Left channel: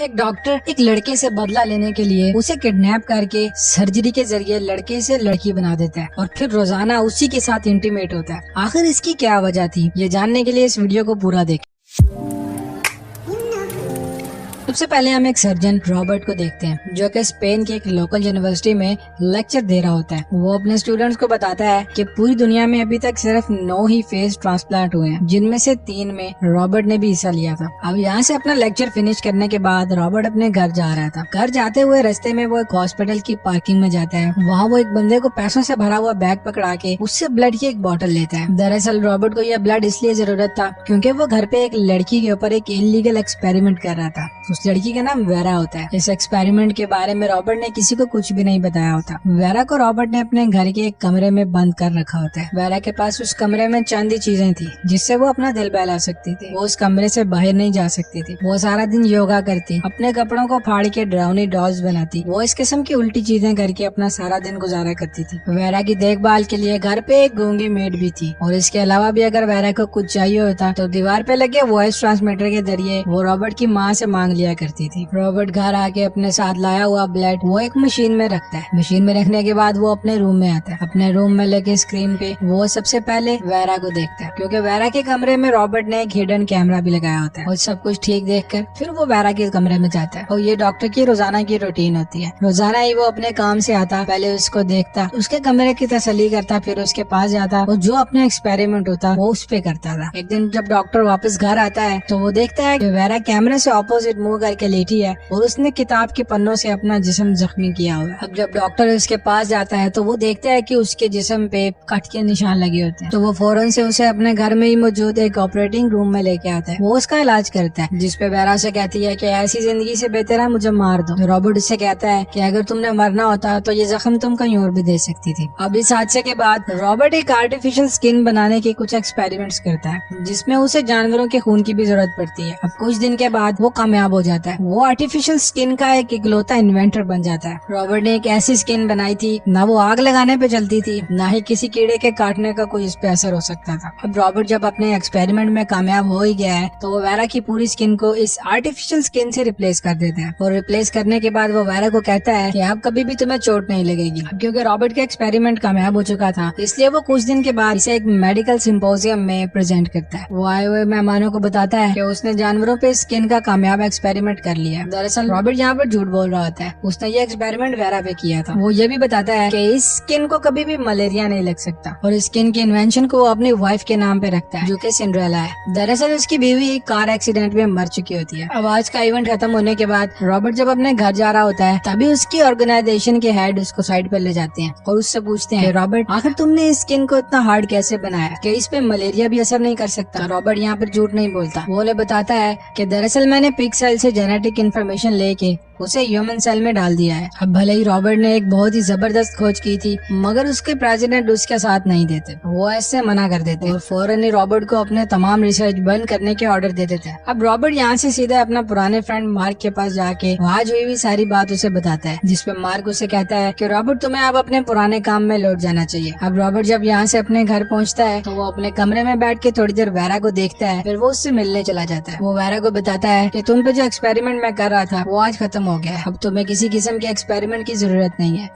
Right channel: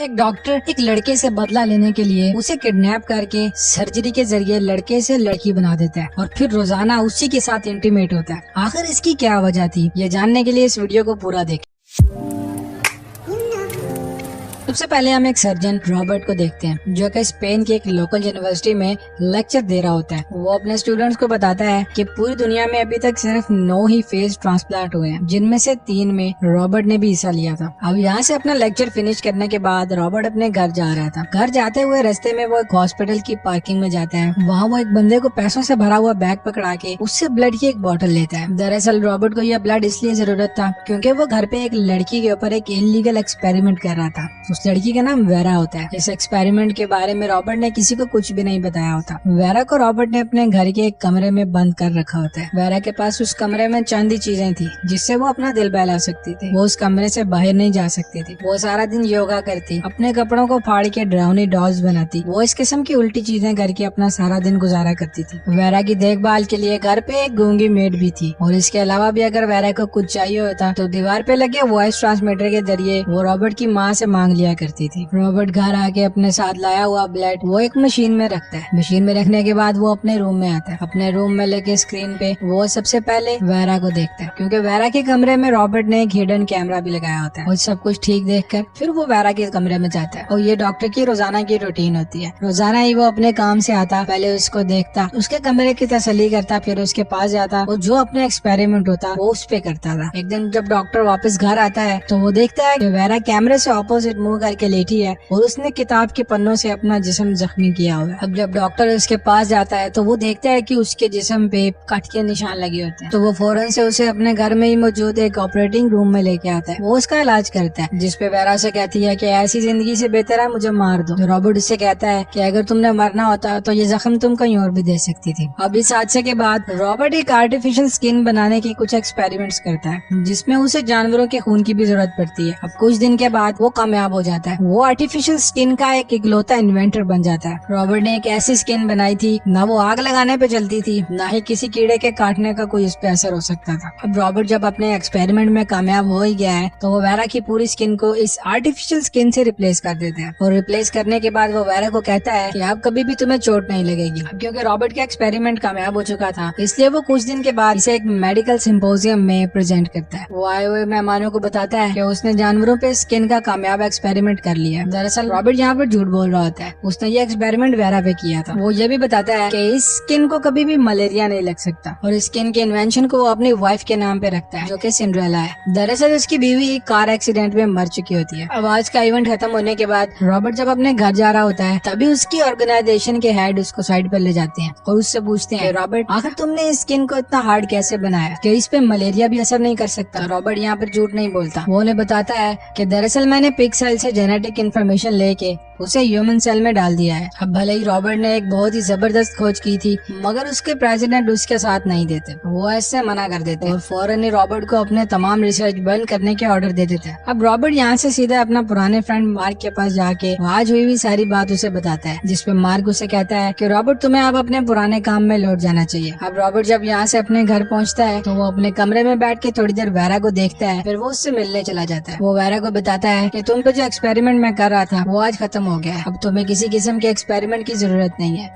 एक डॉक्टर एक लड़के से बदला लेने के लिए उसे किडनैप करके सर्जरी के जरिए लड़के से लड़की बना देता है और फिर रोजाना उसी के साथ इंटीमेट होता है। आखिर इसकी क्या वजह थी, ये जानने के लिए इस वीडियो को पूरा देखें। सबसे पहले हम एक सर्जन रॉबर्ट को देखते हैं जो कि स्पेन की एक लोकल यूनिवर्सिटी में लेक्चर दे रहा होता है। वो अपने स्टूडेंट्स को बताता है कि पूरी दुनिया में अभी तक सिर्फ 9 ही फेस ट्रांसप्लांट हुए हैं, जिनमें से 3 में रॉबर्ट ने भी हिस्सा लिया था। अब यहाँ से अपना लेक्चर फिनिश करने के बाद रॉबर्ट अपने घर जा रहा था। घर जाते हुए रास्ते में वो एक हॉस्पिटल की पार्किंग में जाता है। वहाँ वो एक बंदे को पैसों से भरा हुआ बैग पकड़ा के उससे ब्लड की एक बोतल लेता है। दरअसल रॉबर्ट को यह ब्लड इसलिए जरूरत था क्योंकि वो घर पे एक लड़की के ऊपर एक इलीगल एक्सपेरिमेंट कर रहा था। उस लड़की का नाम वेरा होता है। इस एक्सपेरिमेंट के बारे में रॉबर्ट ने किसी को कुछ भी नहीं बताया होता। वेरा को रॉबर्ट ने अपने घर के एक कमरे में बंद कर रखा होता है। वेरा के पास उस कमरे में चंद ही चीजें थी जिससे वो अपना दिल बहला सकती थी। वो उस कमरे से बाहर नहीं जा सकती थी। वो सारा दिन योगा करती, अपने कपड़ों को फाड़ के ड्राउनी डॉल्स बनाती। वो इस किस्म की उल्टी चीजें करके अपना सारा दिन गुजारा करती थी। वेरा की देखभाल के लिए घर पे एक गूंगी मेड भी थी और इसके अलावा भी अगर वेरा को कुछ चाहिए होता तो दीवार पे लगे वॉइस ट्रांसमीटर के जरिए वो रॉबर्ट की माँ से मांग लिया करती थी। रॉबर्ट घर आके अपने साथ लाया हुआ ब्लड वो एक मशीन में रखता है। मशीन में रखने के बाद वो अपने रूम में आता है। अपने रूम में लगे स्क्रीन पे वो सबसे पहले वेरा को देखता है क्योंकि वेरा के कमरे में रॉबर्ट ने एक हिडन कैमरा भी लगाया होता है। और सब कुछ ठीक देखकर फिर वो वेरा के कमरे में जाता है और ये डॉक्टर की रोजाना की रूटीन होती है। रोजाना ही वो अपने काम से आता, पहले उसको देखता, उसके कमरे की तसल्ली करता, फिर उसके पास जाता और जो अपना एक्सपेरिमेंट होता वो उस पे करता था। एक दिन जब डॉक्टर वापस घर आता है तो वो देखता है कि वेरा कैमरे से ऑपोजिट मुंह करके लेटी है और उसने किताब के पन्नों से अपना जिस्म जख्मी किया हुआ है। अब जब डॉक्टर उसके पास जाता है तो वो देखता है कि उसके जिस्म पे कट के निशान लगे होते हैं। तो वो फौरन से उसे अपने घर में ही मौजूद एक ऑपरेटिंग रूम में लेके आता है। वो उसका इलाज करता है, जिसपे वेरा से कहती है कि ऐसी जिंदगी से बेहतर है मुझे मार दो। रॉबर्ट उससे कहता है कि अगर तुमने मरना होता तो ये जख्म तुम कहीं और भी दे सकती थी। अब इस हादसे के बाद रॉबर्ट एक आर्टिफिशियल स्किन बनाने की कुछ एक्सपेरिमेंट्स करता है जिसमें उसे जानवरों के खून की भी जरूरत पड़ती है। अब कुछ दिन के बाद वो कामयाब हो जाता है। वो आर्टिफिशियल स्किन का एक इकलौता इन्वेंटर बन जाता है। रॉबर्ट ने एक ऐसी स्किन बनाई थी ना वो आग लगाने पे जलती थी, ना ही किसी कीड़े के काटने का कोई इस पे असर हो सकता था। अब रॉबर्ट जब अपने एक्सपेरिमेंट में कामयाब हो ही गया है तो वो वेरा की पूरी स्किन को इस आर्टिफिशियल स्किन से रिप्लेस कर देते हैं। और रिप्लेस करने के बाद वो वेरा को कहता है कि अब कभी भी तुम्हें चोट नहीं लगेगी। अब क्योंकि रॉबर्ट का एक्सपेरिमेंट कामयाब हो चुका था इसलिए वो कुछ दिन के बाद इसे एक मेडिकल सिम्पोजियम में प्रेजेंट करता है। वो आए हुए मेहमानों को बताता है कि उसने जानवरों पे स्किन का कामयाब एक्सपेरिमेंट कर लिया। दरअसल रॉबर्ट यहाँ पर झूठ बोल रहा होता है। उसने ये एक्सपेरिमेंट वेरा पे किया था। वो ये भी बताता है कि इस स्किन को कभी भी मलेरिया नहीं लग सकता और स्किन के इन्वेंशन को वो अपनी वाइफ के नाम पे रखता है जो कि सिंड्रेला है। दरअसल उसकी बीवी कार एक्सीडेंट में मर चुकी होती है। अब आज का इवेंट खत्म होने के बाद रॉबर्ट जब अपने घर जा रहा होता है तभी उसकी ऑर्गेनाइजेशन के हेड उसको साइड पर ले जाते हैं और उससे पूछते हैं, रॉबर्ट आखिर तुमने इस स्किन को इतना हार्ड कैसे बनाया कि इस पे मलेरिया भी असर नहीं कर सकता? रॉबर्ट यहाँ पर झूठ नहीं बोलता। वो उन्हें बताता है कि दरअसल मैंने पिग सेल से जेनेटिक इन्फॉर्मेशन लेके उसे ह्यूमन सेल में डाल दिया है। अब भले ही रॉबर्ट ने एक बहुत ही जबरदस्त खोज की थी मगर उसके प्रेसिडेंट उसके साथ नहीं देते, वो ऐसे मना कर देते और फौरन ही रॉबर्ट को अपने तमाम रिसर्च बंद करने के ऑर्डर दे देते हैं। अब रॉबर्ट यहाँ से सीधे अपना पुराने फ्रेंड मार्क के पास जाके आज हुई भी सारी बात उसे बताता है, जिसपे मार्क उसे कहता है कि रॉबर्ट तुम्हें अब अपने पुराने काम में लौट जाना चाहिए। अब रॉबर्ट जब यहाँ से अपने घर पहुँचता है तो वो अपने कमरे में बैठ के थोड़ी देर वेरा को देखता है, फिर वो उससे मिलने चला जाता है। वो वेरा को बताता है कि तुम पे जो एक्सपेरिमेंट मैं कर रहा था वो आज खत्म हो गया है। अब तुम्हें किसी किस्म के एक्सपेरिमेंट की जरूरत नहीं है।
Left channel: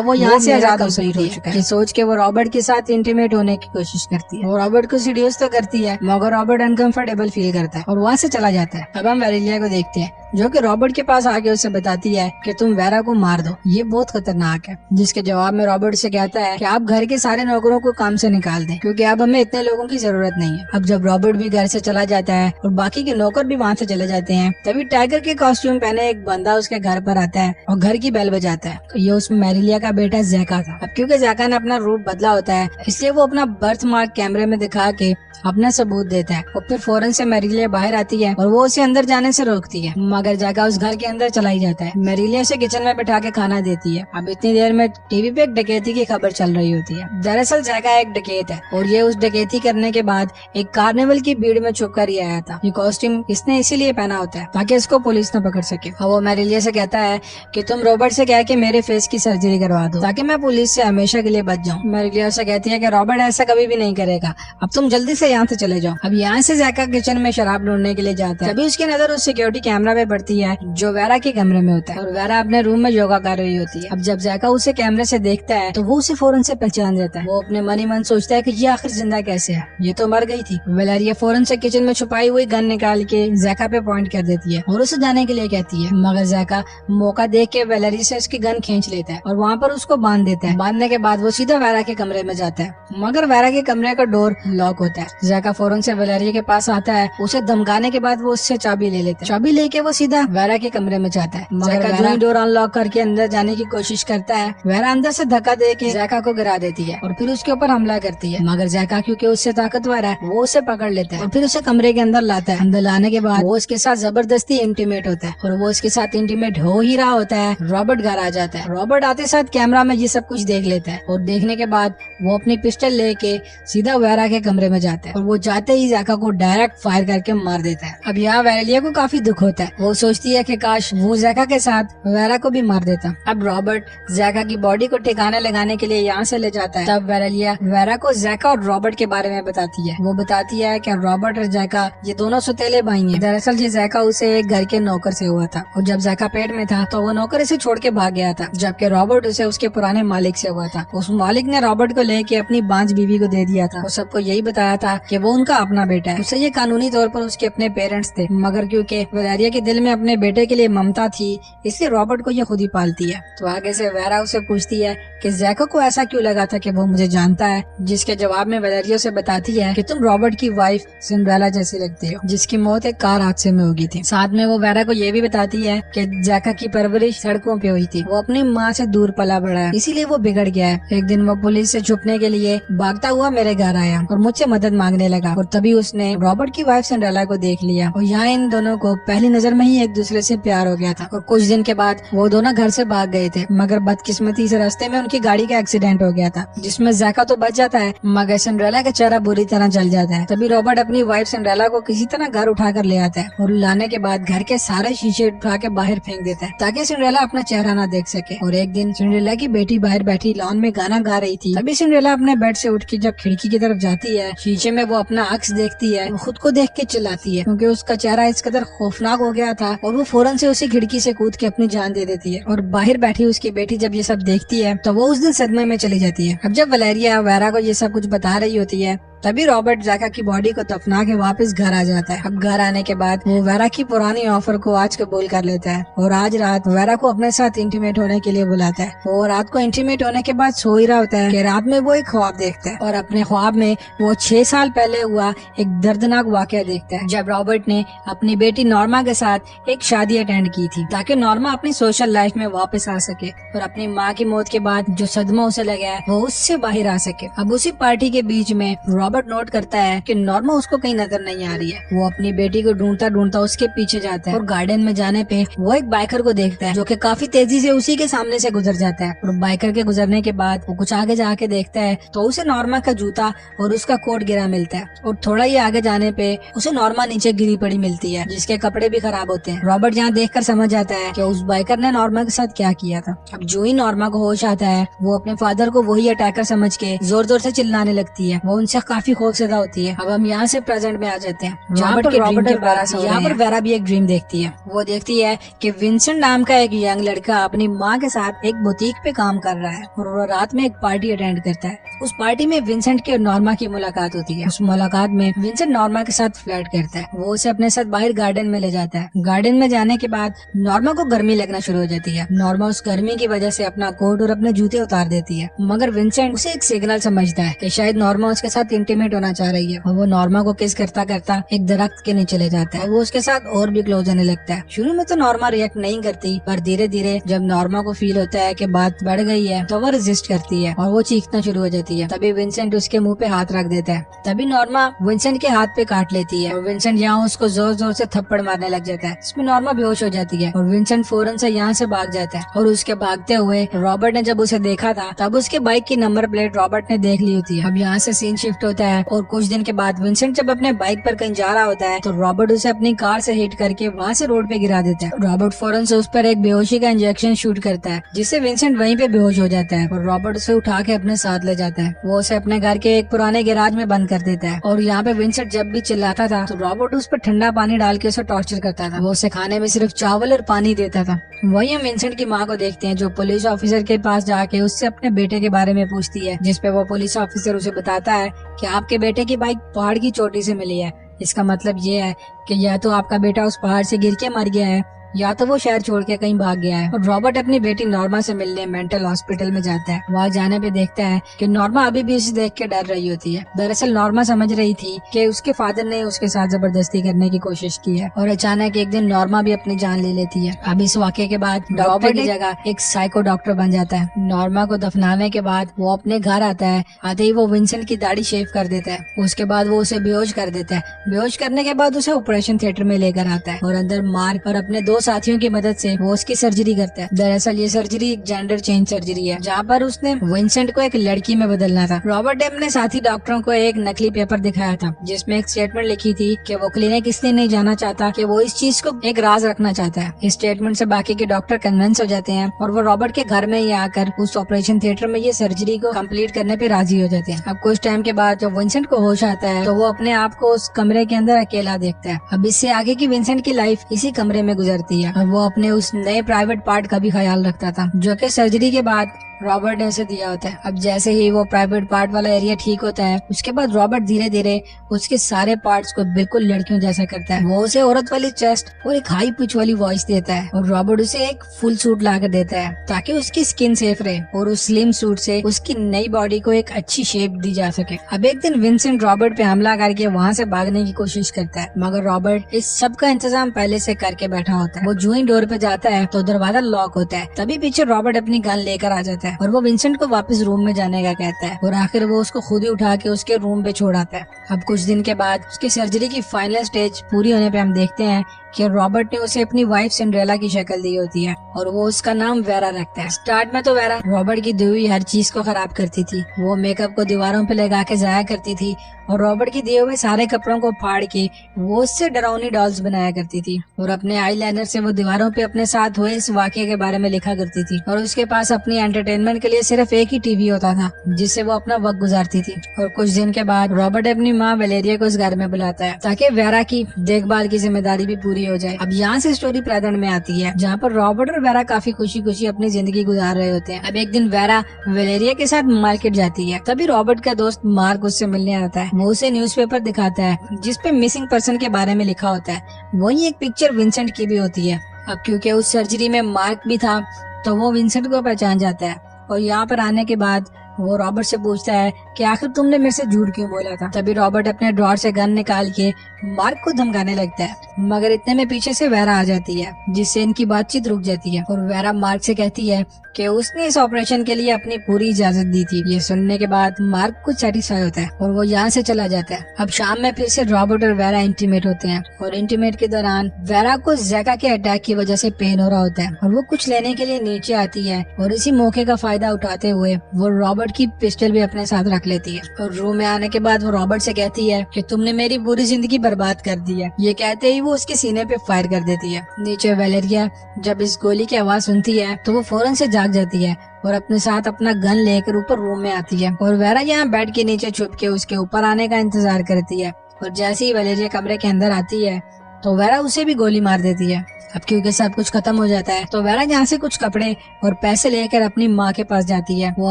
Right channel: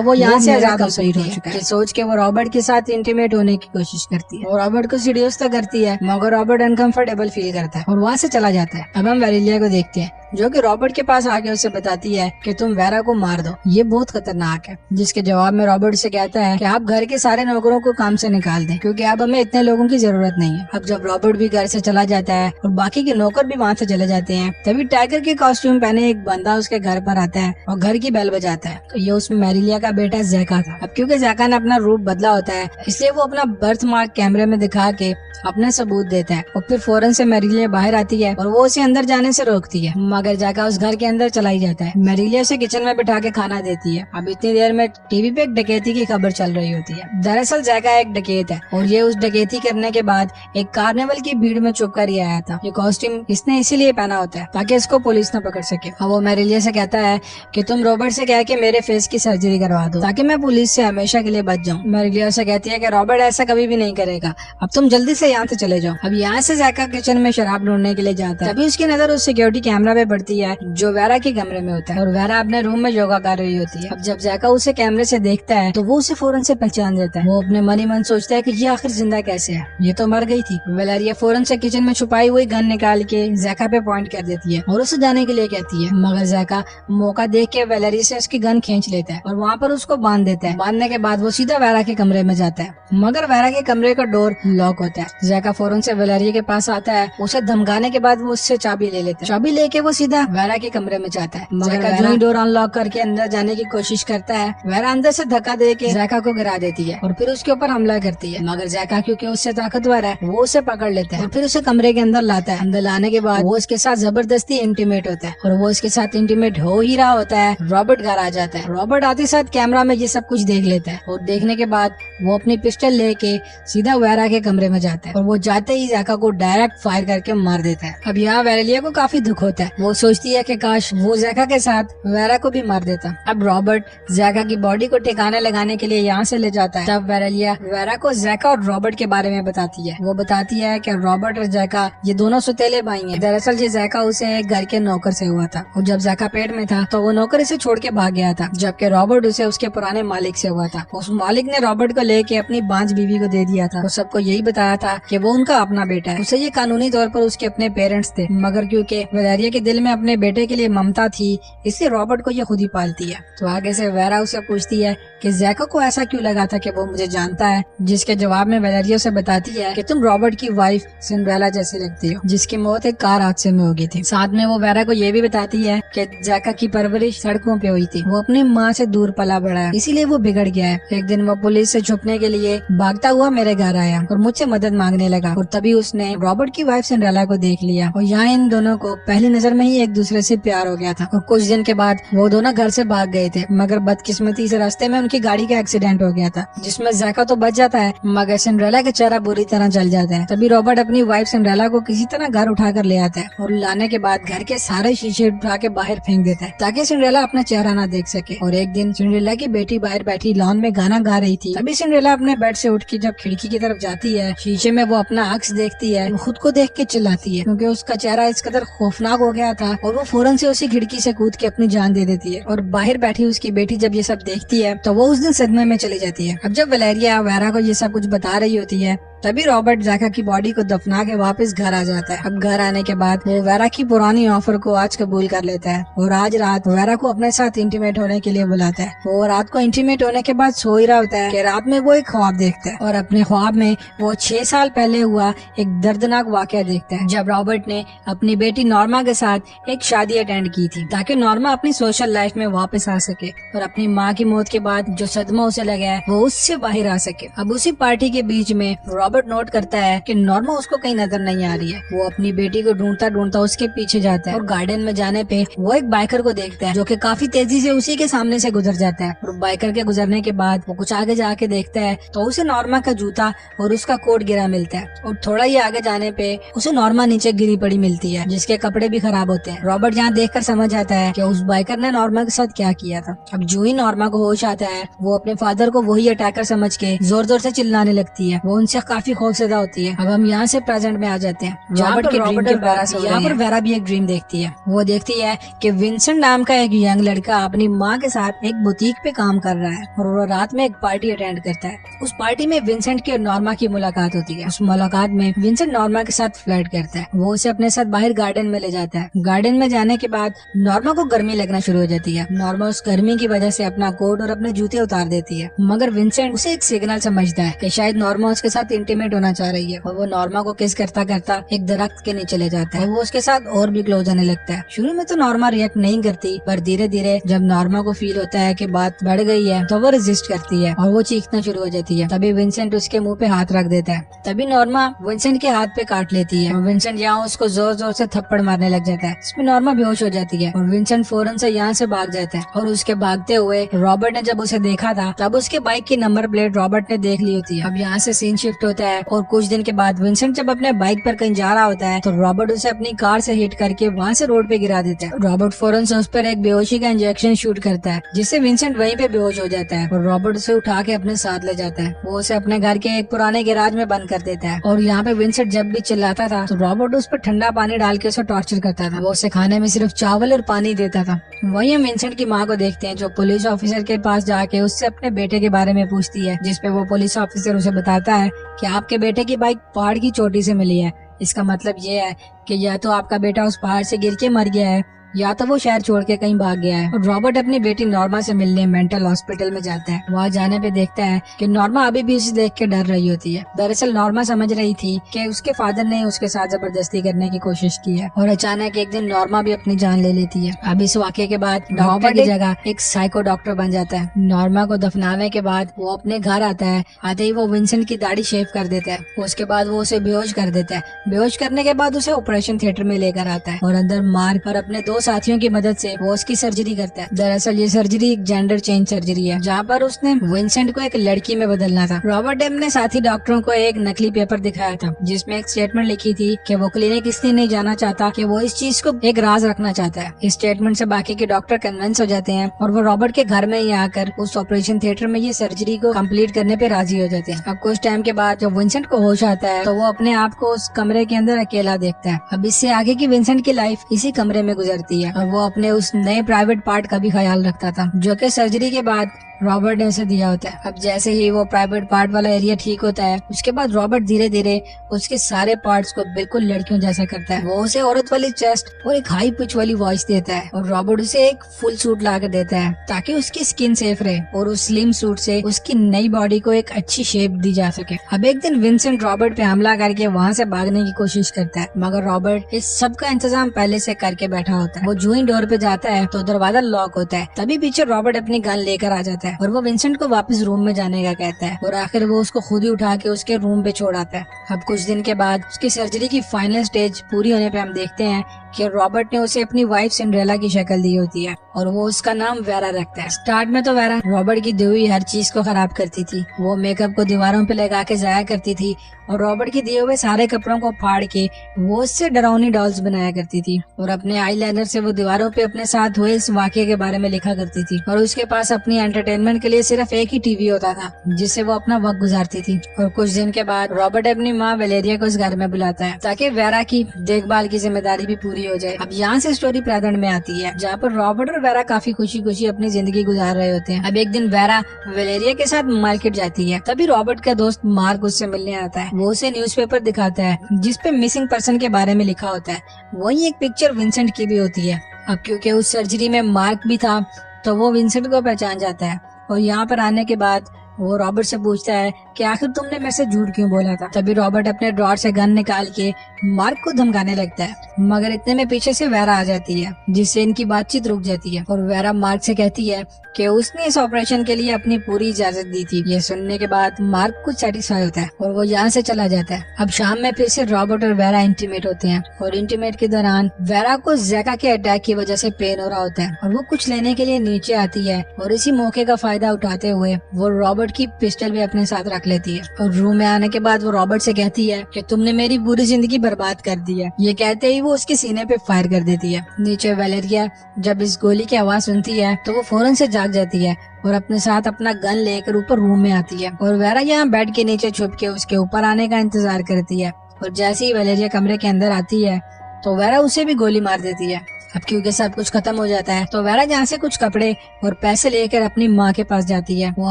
वो यहाँ से आजाद हो सकती है। ये सोच के वो रॉबर्ट के साथ इंटीमेट होने की कोशिश करती है। वो रॉबर्ट को सीड्यूस तो करती है मगर रॉबर्ट अनकंफर्टेबल फील करता है और वहाँ से चला जाता है। अब हम वेरेलिया को देखते हैं जो कि रॉबर्ट के पास आके उसे बताती है कि तुम वेरा को मार दो, ये बहुत खतरनाक है। जिसके जवाब में रॉबर्ट से कहता है कि आप घर के सारे नौकरों को काम से निकाल दें क्योंकि अब हमें इतने लोगों की जरूरत नहीं है। अब जब रॉबर्ट भी घर से चला जाता है और बाकी के नौकर भी वहाँ से चले जाते हैं तभी टाइगर के कॉस्ट्यूम पहने एक बंदा उसके घर पर आता है और घर की बेल बजाता है। तो ये उसमें मैरिलिया का बेटा जैका था। अब क्योंकि जैका ने अपना रूप बदला होता है इसलिए वो अपना बर्थ मार्क कैमरे में दिखा के अपना सबूत देता है और फिर फौरन से मैरिलिया बाहर आती है और वो उसे अंदर जाने से रोकती है मगर जैका उस घर के अंदर चला ही जाता है। मेरिलिया उसे किचन में बिठा के खाना देती है। अब इतनी देर में टीवी पे एक डकैती की खबर चल रही होती है। दरअसल जैका एक डकैत है और ये उस डकैती करने के बाद एक कार्निवल की भीड़ में छुप कर ही आया था। ये कॉस्ट्यूम इसने इसीलिए पहना होता है ताकि इसको पुलिस न पकड़ सके। और वो मेरिलिया से कहता है कि तुम रॉबर्ट से कह के मेरे फेस की सर्जरी करवा दो ताकि मैं पुलिस से हमेशा के लिए बच जाऊँ। मेरिलिया से कहती है कि रॉबर्ट ऐसा कभी भी नहीं करेगा, अब तुम जल्दी से यहाँ से चले जाओ। अब यहाँ से जैका किचन में शराब ढूंढने के लिए जाता है। तभी उसकी नजर उस सिक्योरिटी कैमरा पे पड़ती है जो वेरा के कमरे में होता है और वेरा अपने रूम में योगा कर रही होती है। अब जब जैका उसे कैमरे से देखता है तो वो उसे फौरन से पहचान जाता है। वो अपने मन ही मन सोचता है कि ये आखिर जिंदा कैसे है, ये तो मर गई थी। वेलेरिया फौरन से किचन में छुपाई हुई गन निकाल के जैका पे पॉइंट कर देती है और उसे जाने के लिए कहती है। मगर जैका मौका देख के वेलेरी से उसकी गन खींच लेता है और वहाँ पर उसको बांध देता है। बांधने के बाद वो सीधा वेरा के कमरे में जाता है, मगर वेरा के कमरे का डोर लॉक होता है। जैका फौरन से वेलेरिया के पास आता है, उसे धमकाने के बाद वो उससे चाबी ले लेता है। चाबी लेके वो सीधा वेरा के कमरे में जाता है। मगर जो ही डोर अनलॉक करके अंदर जाने की कोशिश करता है, वेरा अंदर से धक्का दे के जैका को गिरा देती है और फिर उसके ऊपर हमला करती है। मगर जैका क्योंकि उससे ताकतवर है वो उसे पकड़ लेता है और फिर उसे कमरे के अंदर लाता है। अंदर लाने के बाद वो उसके साथ जबरदस्ती इंटीमेट होता है और वो उसके साथ इंटीमेट हो ही रहा होता है, रॉबर्ट घर आ जाता है। रॉबर्ट आते साथ कैमरा में ये सब कुछ देख लेता है और देखने के बाद वो अपनी पिस्टल लेके सीधा वेरा के कमरे में जाता है और वो जाते ही जैका को डायरेक्ट फायर करके मार देता है। अब यहाँ वेरेलिया को काफी दुख होता है। वो सोचती है कि काश वो जैका के साथ वेरा को भी मार देता। अब रॉबर्ट जैका की बॉडी को ठिकाने लगाने के लिए यहाँ से ले जाता है। तब वेरेलिया वेरा को जैका और रॉबर्ट के बारे में बताती है। वो बताती है कि रॉबर्ट और जैका ये दोनों सौतेले भाई हैं। दरअसल ये जैका उसे एक घर के नौकर से हुआ था और जब जैका पेट में था तो वो नौकर इसे छोड़ के भाग गया था, जबकि रॉबर्ट उसे उसके पुराने मालिक से हुआ था। उस मालिक ने रॉबर्ट को लेके अपनी बांझ बीवी को दे दिया था। वो सबको यही बताया था कि वो उनका अपना बेटा है। उसे ये कानूनी तौर पर उसके अपने पेरेंट्स थे, मगर क्योंकि वेलेरिया के दिल में अपने बेटे के लिए ममता थी इसलिए रॉबर्ट को ये खुद ही पालती है। तो आगे से वेरा उसे पूछती है कि जैका को ऐसा क्यों लगा था कि वो मुझे जानता है, जिसके जवाब में वेलेरिया से बताती है कि तुम रॉबर्ट की वाइफ सिंड्रेला जैसी लगती हो जिसकी मौत एक कार हादसे में हो गई थी। साथ में वो वेरा को ये भी बताती है कि जैका की परवरिश सड़कों पे हुई थी, वो अपनी माँ से दूर पला बड़ा है इसीलिए वो बिगड़ गया है। एक दिन वो पुलिस से छुपने के लिए भागता हुआ मेरे घर आया और मुझसे मदद मांगने लगा और तभी उसने रॉबर्ट की वाइफ सिंड्रेला को देख लिया और यहाँ इन दोनों को पहली नजर में ही एक दूसरे से प्यार हो गया था और कुछ दिन के बाद वो दोनों घर से भाग गए थे। मगर बदकिस्मती से रास्ते में उनकी गाड़ी का एक्सीडेंट हो गया था जिसमें जैका तो बच जाता है मगर सिंड्रेला का चेहरा बुरी तरह जल जाता है। तभी रॉबर्ट अपनी वाइफ सिंड्रेला को किसी तरह घर उठा कर ले आता है और लाने के बाद घर के सारे शीशे उठा के बाहर फेंक देता है ताकि सिंड्रेला अपना चेहरा ना देख सके। और एक दिन सिंड्रेला की बेटी बाहर बैठी लॉन में गाना गा रही थी। तभी सिंड्रेला अपने बेड से उठ के जब खिड़की की तरफ जाती है, शीशे में वो अपना अक्स देखती है, वो खुद को देख के चिल्लाती है क्योंकि उसका चेहरा इस कदर खौफनाक हो गया था और वो फौरन से उसे खिड़की से कूद के अपनी जान दे देती है। और बाहर बैठी उसकी बेटी जब ये सब देखती है तो वो उस दिन सदमे में चली जाती है। अब जब वेलेरिया वेरा को ये सब कुछ बता रही होती है तभी रॉबर्ट जैका की बॉडी को दफना के वापस घर आ जाता है। अब घर आने के बाद वो वेरा की पुरानी ऑफर को आज कबूल कर लेता है और आज रात वेरा को अपने साथ इंटीमेट होने के लिए बुलाता है। वो रात को इंटीमेट होने के बाद सो ही रहा होता है कि रात में वो एक ख्वाब देखता है और अपने ख्वाब में वो 6 साल पहले हुआ एक दर्दनाक वाकया देखता है जब रॉबर्ट ने अपनी बेटी नॉर्मा के साथ एक शादी अटेंड की थी ताकि नॉर्मा अपनी सोशल लाइफ में वापस आ सके और अपनी माँ की मौत के बाद जो सदमा उसे लगा है वो उससे बाहर आ सके। अब उसी पार्टी के बीच में रॉबर्ट नोट करता है कि नॉर्मा उसको कहीं नजर नहीं आ रही है। वो अपनी बेटी को ढूंढता ढूंढता उसके पीछे जाता है और गार्डन में जाने पे वो एक बाइकर को देखता है जो कि काफी तेजी से उसी के सामने से गुजर जाता है। और बाइकर के गुजरने के बाद वो कुछ आगे जाके देखता है तो उसे नॉर्मा का जूता और उसका कोट गिरा मिलता है और थोड़ा ही आगे जाने पे उसे नॉर्मा नीचे गिरी पड़ी मिलती है जिसके कपड़े भी खराब होते हैं। रॉबर्ट यहाँ देखकर समझ आता है कि उस बाइकर ने नॉर्मा के साथ क्या किया था। अब जो ही नॉर्मा को होश आता है वो अपने फादर को वही अटैकर समझ के जोर जोर से चिल्लाने लगती है। वो उनसे काफी खौफजदा होती है। अब हम यहाँ से प्रेजेंट में आ जाते हैं जहाँ पर रॉबर्ट के बाद यहाँ पर वेरा भी एक ड्रीम देखती है। वो देखती है कि विंसेंट नाम का एक यंग लड़का अपनी माँ के साथ एक बुटीक पे काम कर रहा है और वो रात में एक पार्टी अटेंड करता है। उस पार्टी में विंसेंट की और नॉर्मा की मुलाकात होती है। उस मुलाकात में विंसेंट नॉर्मा के साथ फ्लर्ट करता है। वो उसे अपने साथ बाहर गार्डन में ले जाता है। गार्डन में जाने के बाद नॉर्मा को गर्मी लगना शुरू हो जाती है। नॉर्मा उस गर्मी की वजह से अपना कोट और अपने जूते उतार देती है मगर विंसेंट उसे एक सिग्नल समझता है कि शायद नॉर्मा उसके साथ इंटीमेट होना चाह रही है और वो नॉर्मा को किस करता करता एक दरख्त के नीचे ले जाता है। वो उसके साथ और भी क्लोज होने लगता है। शुरू में तो नॉर्मा रिएक्ट नहीं करती, पर धीरे धीरे जब नॉर्मा को फील होता है कि बात बढ़ गई है तो वो रेजिस्ट करती है और वो चीखना शुरू हो जाती है। तभी विंसेंट उसके मुंह पे हाथ रख देता है। तभी नॉर्मा विंसेंट के हाथ पे काट लेती है और विंसेंट यहाँ उसको जोर जोर से थप्पड़ मारने लग जाता है। इसमें नॉर्मा बेहोश हो जाती है और विंसेंट फौरन से यहाँ से भाग जाता है। और उसके भागते हुए रॉबर्ट ने जब उसे देखा था तब उसके बाइक की नंबर प्लेट रॉबर्ट ने देख ली होती है। अब यहाँ से सीन शिफ्ट होता है और कुछ दिन के बाद विंसेंट जब अपने बाइक पर कहीं जा रहा होता है तो रॉबर्ट उसे अपनी कार से हिट करके वहाँ से रोड पे गिरा देता है। रॉबर्ट फौरन से उस पर एक बेहोशी का इंजेक्शन शूट करता है जिससे विंसेंट वहीं पे बेहोश हो जाता है और रॉबर्ट उसे उठा के अपने साथ ले जाता है। वो उसे अपने घर के एक पुराने गैराज में बंद कर देता है और यहाँ पे विंसेंट जब भी चिल्लाता था तो रॉबर्ट उस पर ठंडा पानी डाल के उसे टॉर्चर करता था। वो उसे खाने में सिर्फ चावल और पानी देता था। वही हम विंसेंट की माँ को देखते हैं जो पुलिस ऑफिसर के पास जाके उससे अपने बेटे के बारे में पूछती है, जिसपे वो पुलिस ऑफिसर उसे बताता है कि आपके बेटे की बाइक पहाड़ की चोटी से मिली है। इसका मतलब ये है कि या तो आपका बेटा उस पहाड़ से गिर के मर गया है या तो वो शहर छोड़ के कहीं भाग गया है। और रॉबर्ट अपनी बेटी नॉर्मा से मिलने मेंटल हॉस्पिटल में जाता है। वहाँ जाने पे देखता है कि नॉर्मा अभी भी उसे देख के डर रही होती है। दरअसल नॉर्मा समझ रही थी कि उसके फादर ने उसके साथ जबरदस्ती करने की कोशिश की है और अचानक एक दिन नॉर्मा भी अपनी जान ले लेती है। अब इस वाक़ये के बाद डॉक्टर की जगह एक साइको डॉक्टर बन जाता है। नॉर्मा को दफनाने के बाद वो अपने घर आता है। आते ही वो विंसेंट की दाढ़ी शेव कर देता है। उसके बाद वो उसे बेहोश कर देता है। बेहोश करने के बाद उसे ऑपरेशन थिएटर में लेकर आता है और अंदर मार्क और अपने दो साथियों की मदद से वो उसकी सर्जरी करता है। दरअसल ये सर्जरी एक जेंडर चेंज सर्जरी है जहाँ पर उसने विंसेंट को एक लड़की में बदलना था। रॉबर्ट डेम ने साथी डॉक्टरों को एक नकली पेपर दिखाया था जिसमें एक स्टेटमेंट लिखी थी कि वो क्लिनिक इसलिए नहीं जाना चाहता कि वो इस चीज को एक राज रखना चाहता है। इस स्टेटमेंट से बाकी के डॉक्टर कन्विंस हो जाते हैं और वो रॉबर्ट के घर में ही आकर उस ऑपरेशन थिएटर में ये सर्जरी को कंप्लीट करने पे राजी हो जाते हैं। अब कुछ टाइम के बाद जब विंसेंट को होश आता है तो वो अपने आप को उस कमरे के अंदर अकेला देखता है। अब इससे आगे की विंसेंट की लाइफ इसी कमरे में गुजरती है और वो अपने उस नए प्राइवेट पार्ट का भी ख्याल रखता था जो कि सर्जरी के बाद रॉबर्ट ने उसे दिया होता है। अब जैसे ही वो प्राइवेट पार्ट वाला एरिया ठीक होता है उसके बाद रॉबर्ट धीरे धीरे उसके सारे पार्ट्स को बिल्कुल लड़कियों जैसा करता है। वो उसे औरत वाली चेस्ट और एक हाई पिच वाली वॉइस देता है और रॉबर्ट उसे एक फुल सूट ला कर देता है ताकि उसकी स्किन सेफ रहे और उस स्लिम सूट से उसकी नई बॉडी को एक अच्छी शेप दी जा सके। अब एक दिन विंसेंट रॉबर्ट पे हमला करके वहाँ से भागने की कोशिश करता है मगर रॉबर्ट इस सब का इंतजाम पहले से करके बैठा होता है। वो जो ही डोर पे जाता है तो दरवाजा लॉक होता है। तभी पीछे रॉबर्ट अपनी गन लेकर आ जाता है और वो विंसेंट को वापस रूम में जाने का कहता है और आखिर वो उसको खुद ही उठा के उसके रूम पे छोड़ आता है। अब कुछ दिन के बाद उसकी सर्जरी की फाइनल स्टेज पूरी होने पे हम देखते हैं कि रॉबर्ट ने उसे अपनी वाइफ सिंड्रेला की शक्ल दी होती है और वो उसका नाम वेरा रखता है। स्टार्ट में तो वेरा रॉबर्ट की दी हुई हर चीज को खराब करती थी। वो मेकअप को दीवारों पे लगा के जाया करती थी और रॉबर्ट के दिए हुए सारे कपड़ों को फाड़ के वो उससे डरावनी डॉल्स बनाया करती थी और अपने आईलाइनर से वो दीवारों पे अपने साथ हुए इस वाकये के बारे में लिखा करती थी। और उसके पास अपनी एंटरटेनमेंट के लिए सिर्फ एक ही टीवी होता था जिससे वो अपना वक्त गुजारती थी। और कुछ दिन के बाद रॉबर्ट अपनी माँ वलेरिया को इस घर में बुलाता है ताकि वेरा की देखभाल की जिम्मेदारी भी पूरी हो जाए। अब यहाँ से स्टोरी प्रेजेंट में आती है जहाँ पर रॉबर्ट और वेरा काफी खुशी खुशी अपनी जिंदगी गुजार रहे होते हैं। अब एक दिन वेरा वलेरिया के साथ मार्केट जाती है। तभी रॉबर्ट का दोस्त मार्क उससे मिलने आता है। वो उसे न्यूज़पेपर दिखाता है जिसपे मिसिंग पर्सन के बारे में लिखा होता है। वही एक पिक्चर विंसेंट की भी होती है। अब क्योंकि उस सर्जरी में मार्क भी था तो वो विंसेंट को पहचान जाता है और यहाँ पर आने के बाद वो रॉबर्ट से पूछता है कि आखिर तुमने मेरे से झूठ क्यों बोला था। तभी रॉबर्ट अपने ड्रॉर से गन निकाल के मार्क को धमकाने लगता है मगर इतने में पीछे से वेरा आ जाती है जिससे इनकी बातचीत रुक जाती है और वेरा मार्क से कहती है कि उसने इस ऑपरेशन के लिए अपनी पूरी इजाजत दी थी। ये सुनने के बाद मार्क कुछ सेटिस्फाई होता है और वो यहाँ से चला जाता है। अब शाम में फिर से रॉबर्ट और वेरा इंटीमेट होते हैं और इंटीमेट के दौरान वेरा को जैका के अटैक की वजह से पेन हो रहा होता है और वो कुछ लेने के लिए नीचे आती है और इसी मौके का फायदा उठाते हुए वो रॉबर्ट की पिस्टल भी अपने साथ रख लेती है और रूम में आने के बाद वो रॉबर्ट से कहती है कि तुमने मेरी पूरी जिंदगी बर्बाद कर दी है। ये कहते ही वो उसके सीने पे फायर कर देती है। नीचे वलेरिया जब इस गोली की आवाज सुनती है तो वो फौरन से जाग जाती है और अपने साथ अपना गन लेकर ऊपर रूम में आती है और वेरा यहाँ बेड के नीचे छुप के उसके ऊपर आने का इंतजार करती है और जैसे ही वलेरिया कमरे के अंदर आती है तो वेरा उसे भी गोली मार देती है। अब क्योंकि सब कुछ खत्म हो जाता है तो वेरा यहाँ से कुछ कपड़े और पैसे लेकर अपनी माँ के पास जाती है। वो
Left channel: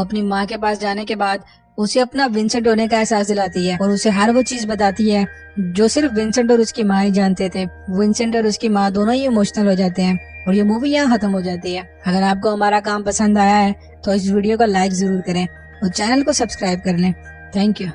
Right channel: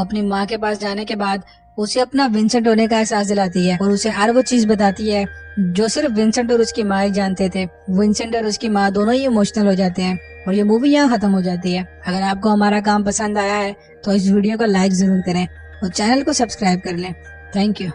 अपनी माँ के पास जाने के बाद उसे अपना विंसेंट होने का एहसास दिलाती है और उसे हर वो चीज बताती है जो सिर्फ विंसेंट और उसकी माँ ही जानते थे। विंसेंट और उसकी माँ दोनों ही इमोशनल हो जाते हैं और ये मूवी यहाँ खत्म हो जाती है। अगर आपको हमारा काम पसंद आया है तो इस वीडियो को लाइक जरूर करें और चैनल को सब्सक्राइब कर लें। Thank you.